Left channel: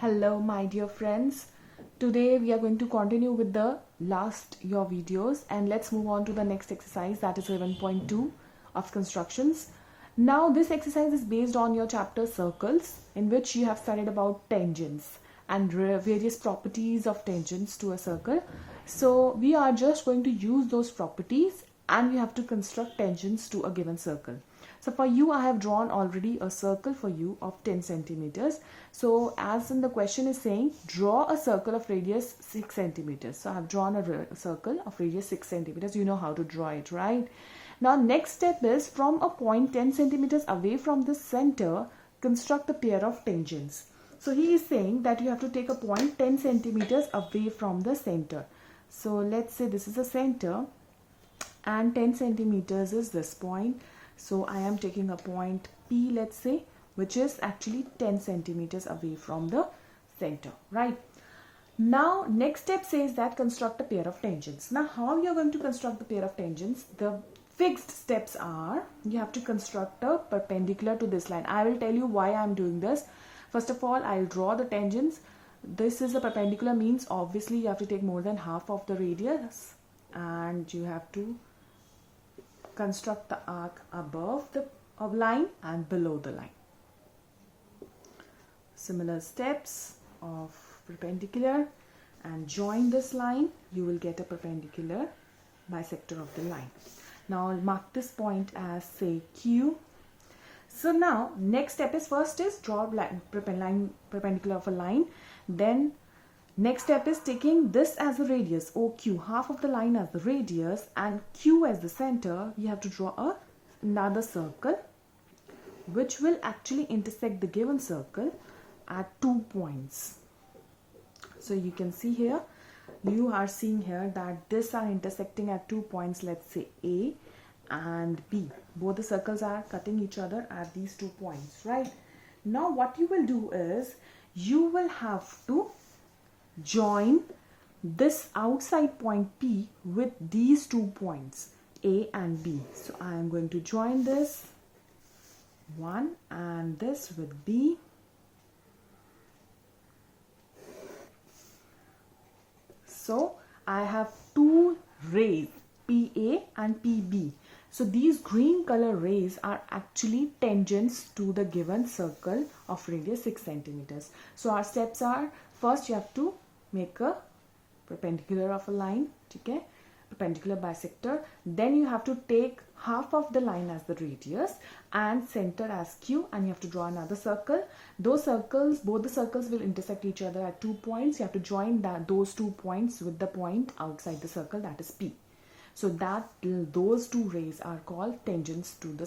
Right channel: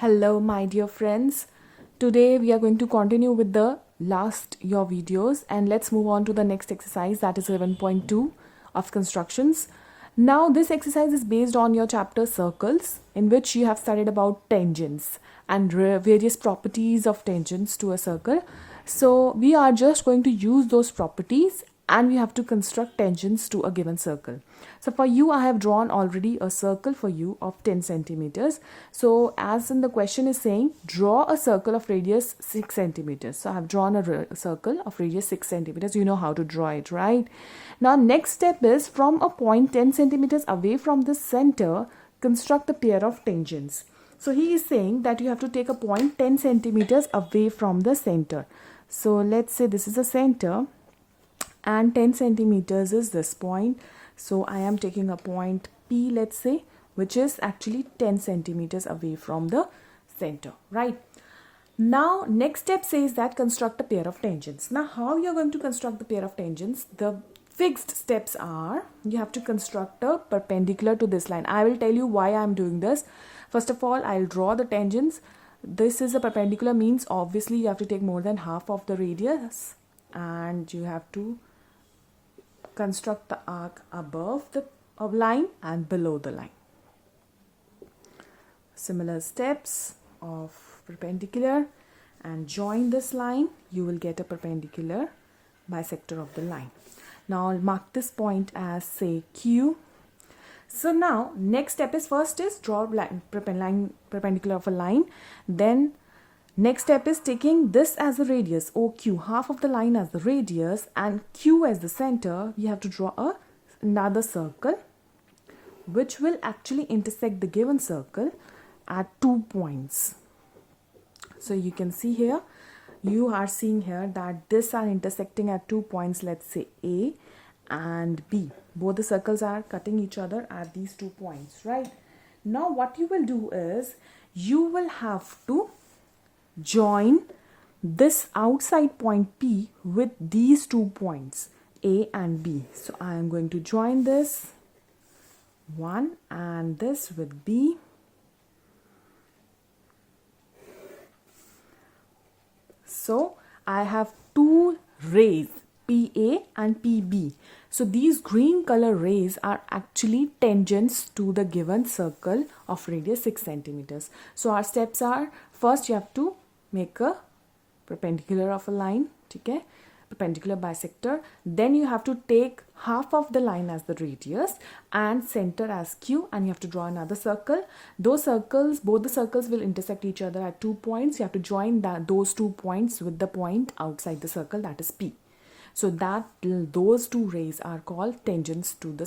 Hello my dear friends. Today we are going to continue with the last your videos and let's move on to the next exercise, that is 11.2 of constructions. Now this exercise is based on your chapter circles, in which you have studied about tangents and various properties of tangents to a circle. So we are just going to use those properties and we have to construct tangents to a given circle. So for you, I have drawn already a circle for you of 10 centimeters. So as in the question is saying, draw a circle of radius 6 centimeters. So I have drawn a circle of radius 6 centimeters. You know how to draw it, right? Now next step is, from a point 10 centimeters away from the center, construct a pair of tangents. So he is saying that you have to take a point 10 centimeters away from the center. So let's say this is the center and 10 centimeters is this point. So I am taking a point P, let's say, which is actually 10 centimeters away from the center, right? Now next step says that construct a pair of tangents. Now how you're going to construct the pair of tangents? The fixed steps are, you have to construct a perpendicular to this line. I will tell you why I'm doing this. First of all, I'll draw the tangents. This is a perpendicular, means obviously you have to take more than half of the radius and you have to construct the arc above the line and below the line. Similar steps of perpendicular, and join this line, you will get a perpendicular bisector of the line. Now I'll mark this point as, say, Q. So now next step is, first is draw line perpendicular of a line. Then next step is taking this as the radius, OQ, half of the line as the radius and Q as the center. We have to draw another circle which will actually intersect the given circle at 2 points. So you can see here, you are seeing here that this are intersecting at 2 points, let's say A and B. Both the circles are cutting each other at these 2 points, right? Now what you will do is, you will have to join this outside point P with these 2 points A and B. So I am going to join this one and this with B. So I have two rays, PA and PB. So these green color rays are actually tangents to the given circle of radius 6 centimeters. So our steps are, first you have to make a perpendicular of a line, okay, perpendicular bisector. Then you have to take half of the line as the radius and center as Q, and you have to draw another circle. Those circles, both the circles will intersect each other at 2 points. You have to join those 2 points with the point outside the circle, that is P. So that those two rays are called tangents to the circle.